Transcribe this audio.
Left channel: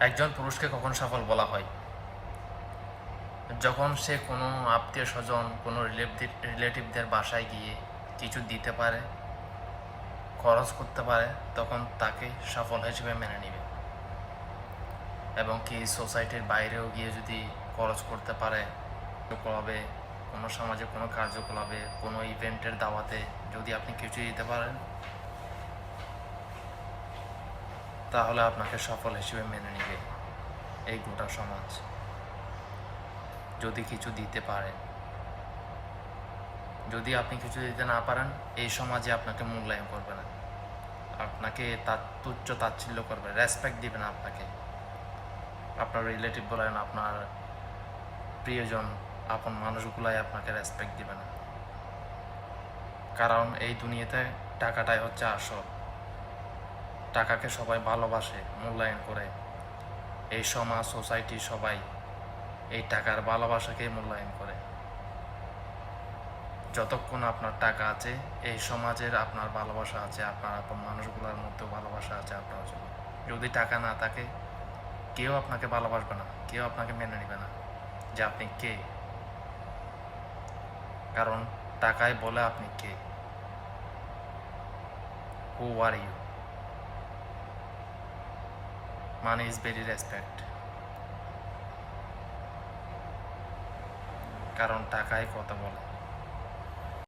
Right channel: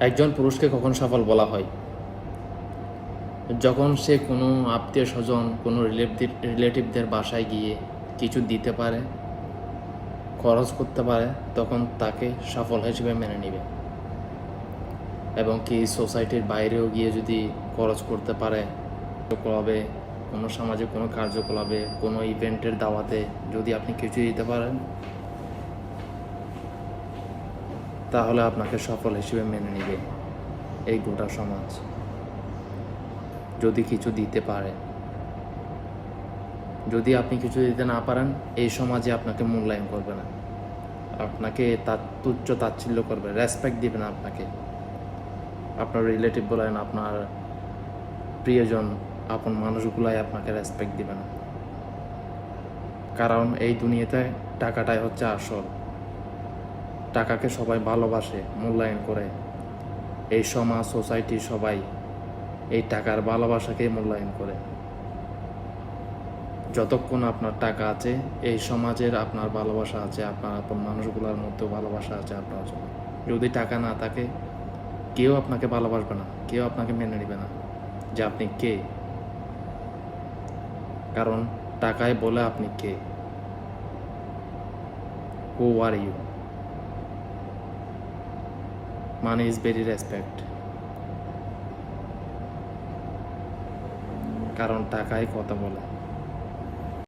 একজন পুরুষকে কখন সফল বলা হয়? যখন সে কোনো আত্মীয় স্বজন, কোনো রিলেটিভদের বাসায় গিয়ে কিছু দিতে পারে, খরচ করতে পারে, তখন তাকে সফল হিসেবে মেনে নিবে। এবং কি সোসাইটির বাইরেও গিয়ে যদি খরচ করতে পারে, ক্লাবে, কোনো সামাজিক কোনো কার্যকলাপে, কোনো ইভেন্টের দাওয়াতে যদি আপনি কিছু দিতে পারেন, তাহলে আপনাকে সফল হিসেবে মেনে নিবে এই গোটা সমাজ। যদি কিছু দিতে পারে, যদি আপনি কিছু দিতে না পারেন, এই সমাজে আপনাকে মূল্যায়ন করবে না, আপনাকে তার তুচ্ছ তাচ্ছিল্য করবে, রেসপেক্ট দিবে না আপনাকে। আপনার রিলেটিভ বলেন, আপনার প্রিয়জন, আপন মানুষগুলাই আপনাকে রেসপেক্ট দিবে না। কারণ এই দুনিয়াতে টাকাটাই হচ্ছে আসল। টাকাকে সবাই ভালোবাসে, মূল্যায়ন করে। এই সমাজ, সোসাইটি সবাই এই টাকার ভালোবাসাকে মূল্যায়ন করে। যতক্ষণ আপনার টাকা আছে, এই সমাজের আপনার ভালোবাসা আছে, আপনার আপন মানুষগুলোর মধ্যেও ভালোবাসা আছে আপনার জন্য। যদি টাকা না থাকে, কেউ আপনাকে ভালোবাসবে না, কেউ আপনাকে মেনে নেবে না যে আপনি কে। কারণ টাকায় বলে আপনি কে, who are you. Money is very respect. কারণ টাকায় কথা বলে।